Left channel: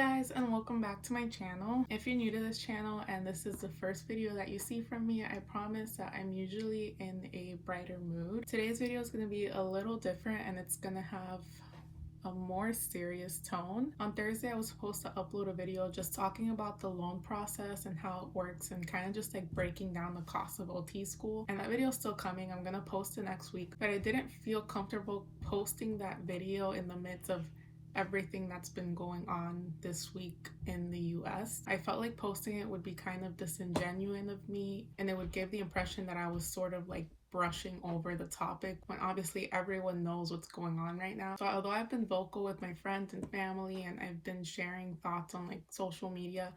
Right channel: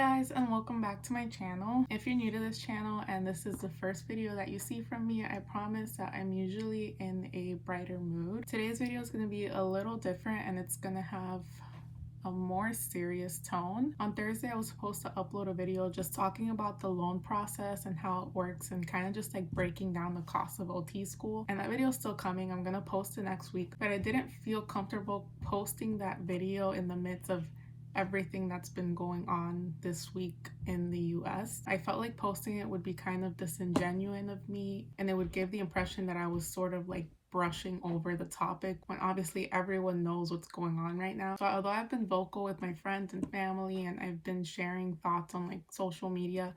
guys, and welcome back to my channel. If you're new to this channel and this is the first video that you see from me, I promise that I'm usually in a brighter mood. Today's video is going to be a little different and it's going to have a more serious tone. On Thursday, I was supposed to upload a video just talking about the loan process and how it works and kind of just like breaking down the cost of OT school. And that video is still coming. I'm gonna post it next week, but I didn't feel comfortable posting that video in the midst of everything that's been going on this week in the US. I felt like posting it would be kind of disingenuous of me and it would give the impression that I was sort of like brushing over the topic when obviously everyone knows what's going on right now. So although I've been vocal with my friends and family and I've been sharing thoughts on like social media,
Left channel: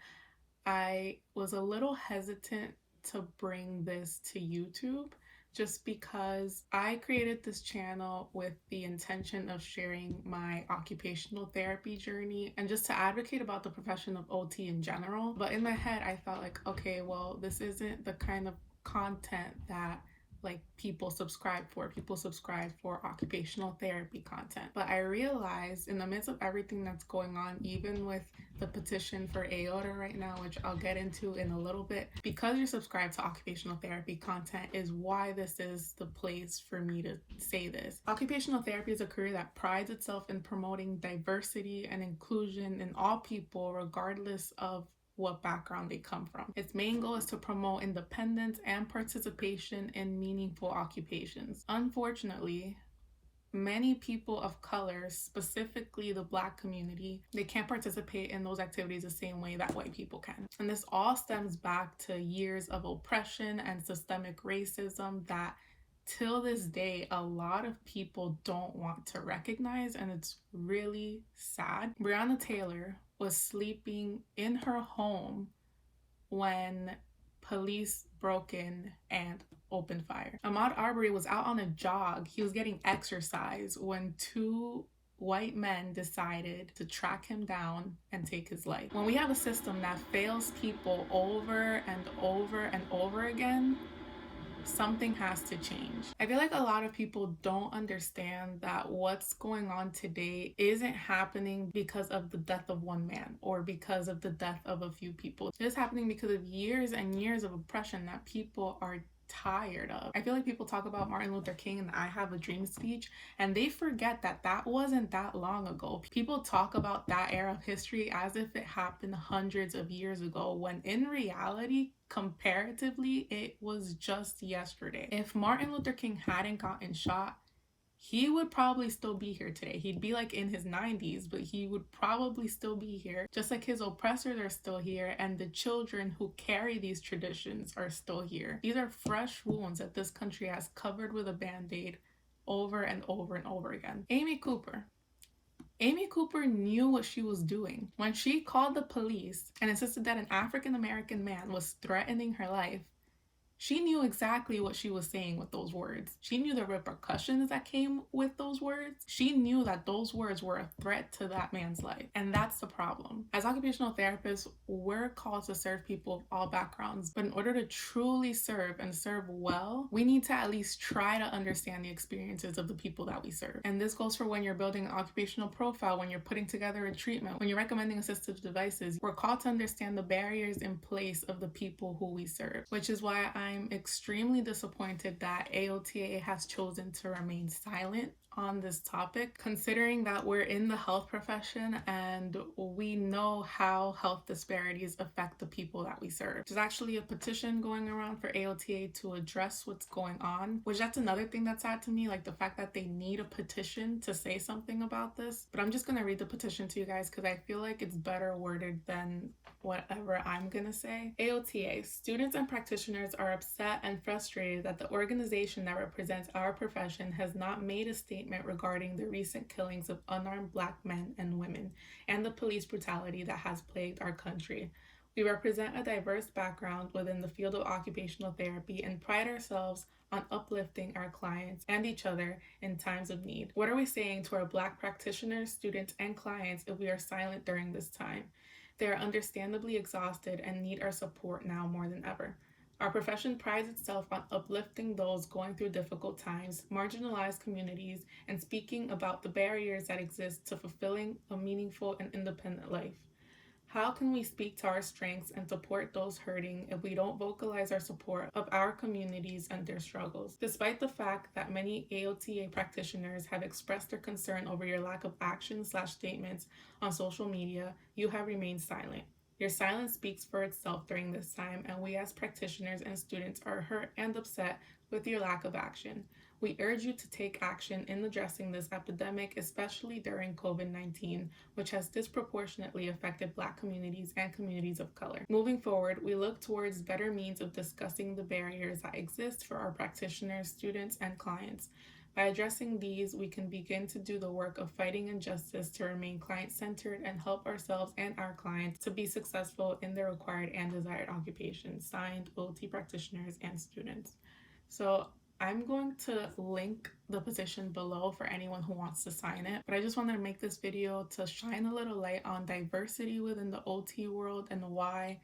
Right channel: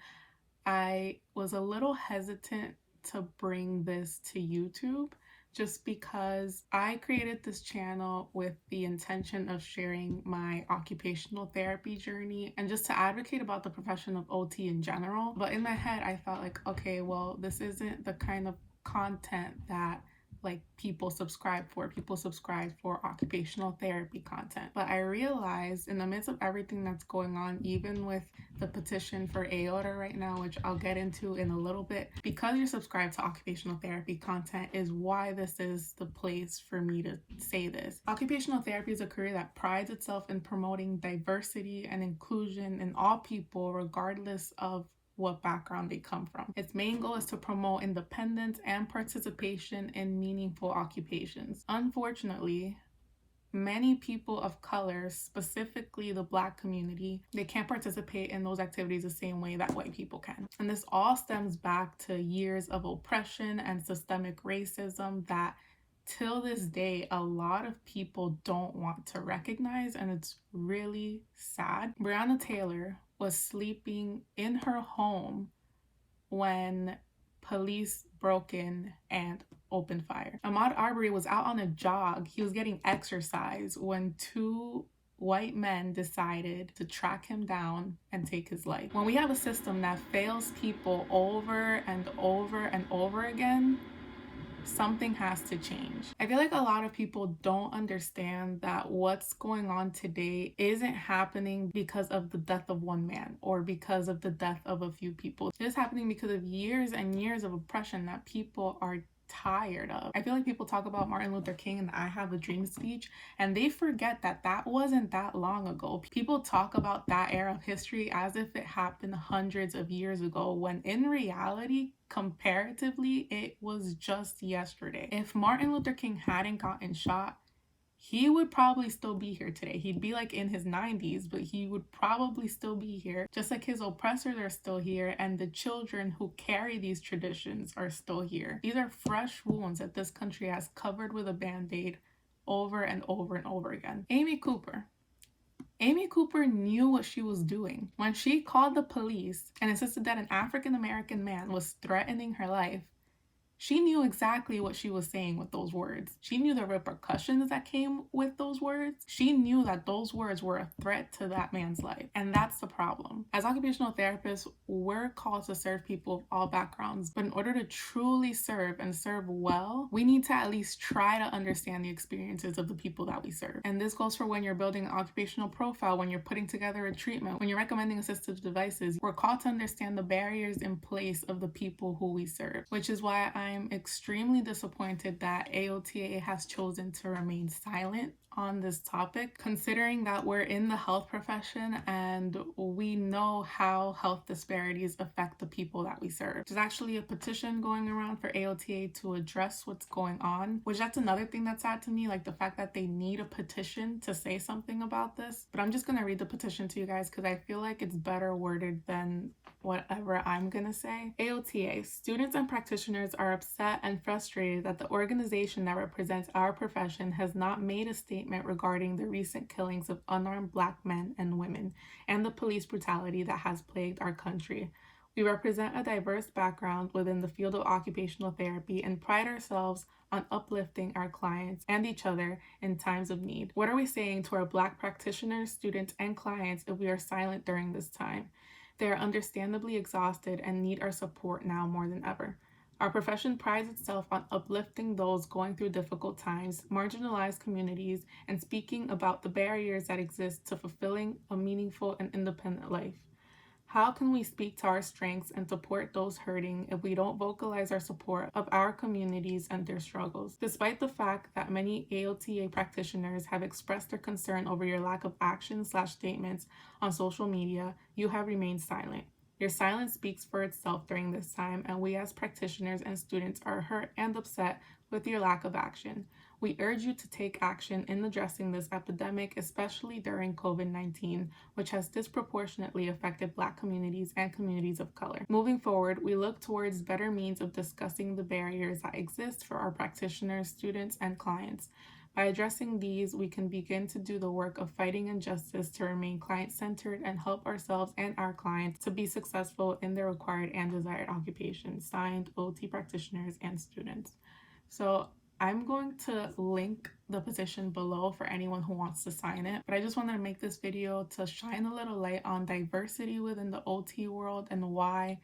I was a little hesitant to bring this to YouTube just because I created this channel with the intention of sharing my occupational therapy journey and just to advocate about the profession of OT in general. But in my head, I thought like, okay, well, this isn't the kind of content that like people subscribe for. People subscribe for occupational therapy content. But I realized in the midst of everything that's going on, even with the petition for AOTA right now, which I'll get into in a little bit, because you're subscribed to occupational therapy content is why this is the place for me to say this. Occupational therapy is a career that prides itself in promoting diversity and inclusion in all people, regardless of what background they come from. Its main goal is to promote independence and participation in meaningful occupations. Unfortunately, many people of color, specifically the Black community, they can't participate in those activities the same way that white people can. And this all stems back to years of oppression and systemic racism that till this day a lot of people don't want to recognize, and it's really sad. Breonna Taylor was sleeping in her home when police broke in and opened fire. Ahmaud Arbery was out on a jog. He was getting exercise when two white men decided to track him down and take his life. When we have a system that fails people over and over and over again, something has to change. I feel like a lot of people don't understand that what's going on today isn't happening because of the death of one man or because of the death of a few people. It's happening because of years and years of oppression that people are tired of. I feel like people talk about Martin Luther King and the I Have a Dream speech, and they forget that that wasn't that long ago. People talk about that era of history as if it happened hundreds of years ago, when in reality, comparatively, it was just yesterday. If Martin Luther King hadn't gotten shot, he would probably still be here today. He'd be like in his 90s, but he would probably still be here. Just like his oppressors are still here, and the children who carry these traditions are still here. These are fresh wounds that this country has covered with a band-aid over and over and over again. Amy Cooper knew what she was doing. When she called the police and insisted that an African-American man was threatening her life, she knew exactly what she was saying with those words. She knew the repercussions that came with those words. She knew that those words were a threat to that man's life. And that's the problem. As occupational therapists, we're called to serve people of all backgrounds. But in order to truly serve and serve well, we need to at least try to understand the experiences of the people that we serve. And this goes for when you're building an occupational profile, when you're putting together a treatment, when you're recommending assistive devices. We're called to understand the barriers in place of the people who we serve, which is why I'm extremely disappointed that AOTA has chosen to remain silent on this topic, considering that we're in the health profession and we know how health disparities affect the people that we serve. There's actually a petition going around for AOTA to address what's going on, which that's another thing that's sad to me, like the fact that they need a petition to say something about this. But I'm just gonna read the petition to you guys because I feel like it's better worded than whatever I'm gonna say. AOTA, students and practitioners are upset and frustrated that the organization that represents our profession has not made a statement regarding the recent killings of unarmed Black men and women and the police brutality that has plagued our country. We represent a diverse background within the field of occupational therapy and pride ourselves on uplifting our clients and each other in times of need. What are we saying to our Black practitioners, students, and clients if we are silent during this time? They are understandably exhausted and need our support now more than ever. Our profession prides itself on uplifting those going through difficult times, marginalized communities, and speaking about the barriers that exist to fulfilling a meaningful and independent life. How can we speak to our strengths and support those hurting if we don't vocalize our support of our communities and their struggles? Despite the fact that many AOTA practitioners have expressed their concern over your lack of action/statements on social media, you have remained silent. Your silence speaks for itself during this time, and we as practitioners and students are hurt and upset with your lack of action. We urge you to take action in addressing this epidemic, especially during COVID-19, which has disproportionately affected Black communities and communities of color. Moving forward, we look towards better means of discussing the barriers that exist for our practitioners, students, and clients. By addressing these, we can begin to do the work of fighting injustice to remain client-centered and help ourselves and our clients to be successful in their required and desired occupations. Signed, OT practitioners and students. So I'm going to link the petition below for anyone who wants to sign it, but I just wanted to make this video to shine a little light on diversity within the OT world and why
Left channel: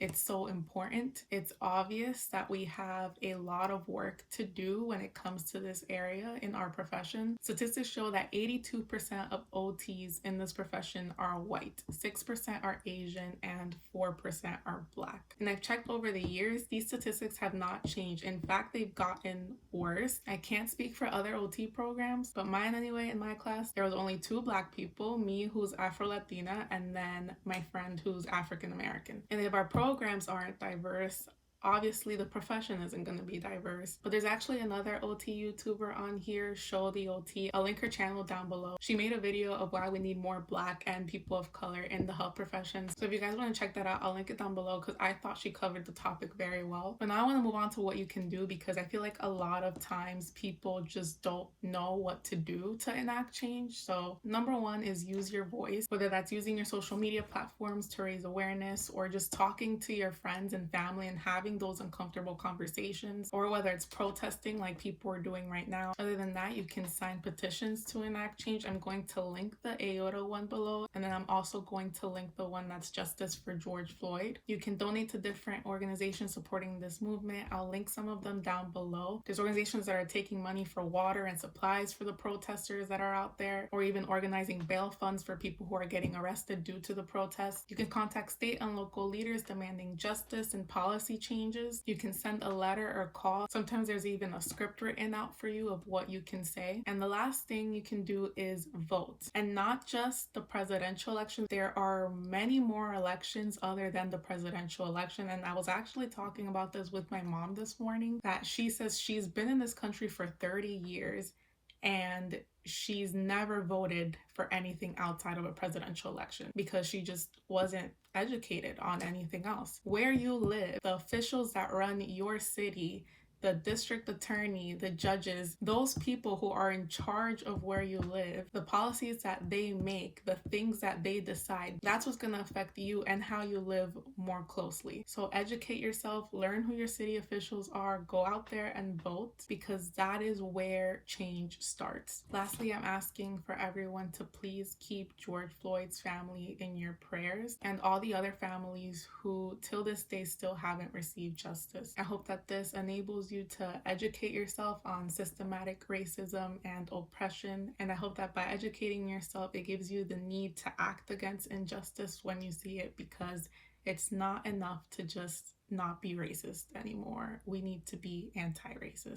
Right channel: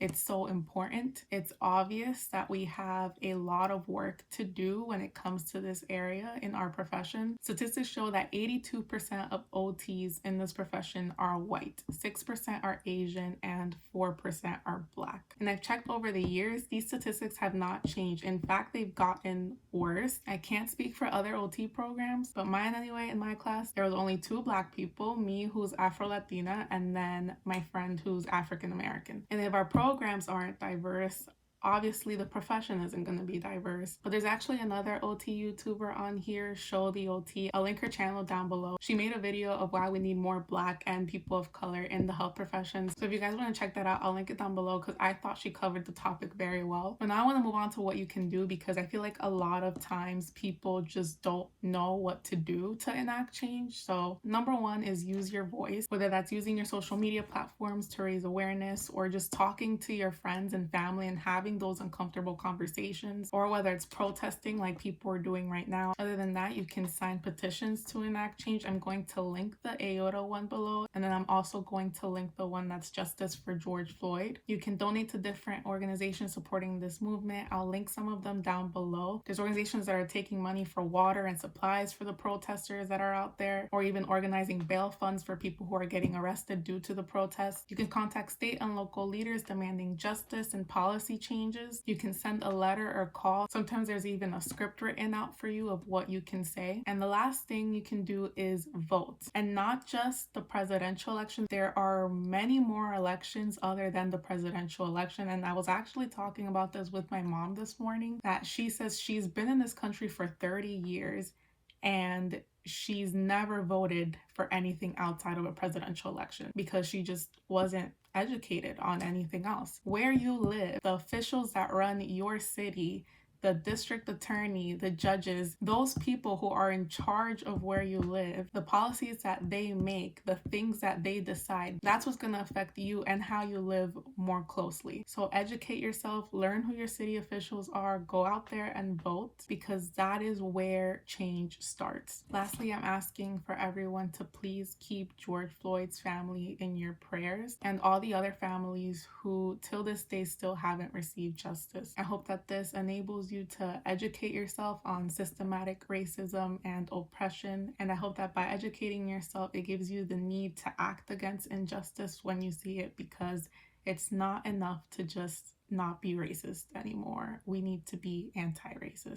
it's so important. It's obvious that we have a lot of work to do when it comes to this area in our profession. Statistics show that 82% of OTs in this profession are white, 6% are Asian, and 4% are Black. And I've checked over the years, these statistics have not changed. In fact, they've gotten worse. I can't speak for other OT programs, but mine anyway, in my class, there was only 2 Black people, me who's Afro-Latina, and then my friend who's African-American. And if our programs aren't diverse, obviously the profession isn't going to be diverse. But there's actually another OT YouTuber on here, SHOtheOT. I'll link her channel down below. She made a video of why we need more Black and people of color in the health professions. So if you guys want to check that out, I'll link it down below because I thought she covered the topic very well. But now I want to move on to what you can do, because I feel like a lot of times people just don't know what to do to enact change. So number 1 is use your voice, whether that's using your social media platforms to raise awareness or just talking to your friends and family and having those uncomfortable conversations, or whether it's protesting like people are doing right now. Other than that, you can sign petitions to enact change. I'm going to link the AOTA one below, and then I'm also going to link the one that's Justice for George Floyd. You can donate to different organizations supporting this movement. I'll link some of them down below. There's organizations that are taking money for water and supplies for the protesters that are out there, or even organizing bail funds for people who are getting arrested due to the protests. You can contact state and local leaders demanding justice and policy changes. You can send a letter or call. Sometimes there's even a script written out for you of what you can say. And the last thing you can do is vote. And not just the presidential election. There are many more elections other than the presidential election. And I was actually talking about this with my mom this morning, that she says she's been in this country for 30 years and she's never voted for anything outside of a presidential election because she just wasn't educated on anything else. Where you live, the officials that run your city, the district attorney, the judges, those people who are in charge of where you live, the policies that they make, the things that they decide, that's what's going to affect you and how you live more closely. So educate yourself, learn who your city officials are, go out there and vote, because that is where change starts. Lastly, I'm asking for everyone to please keep George Floyd's family in your prayers and all the other families who till this day still haven't received justice. I hope that this enables you to educate yourself on systematic racism and oppression, and I hope that by educating yourself it gives you the need to act against injustice when you see it, because it's not enough to just not be racist anymore. We need to be anti-racist.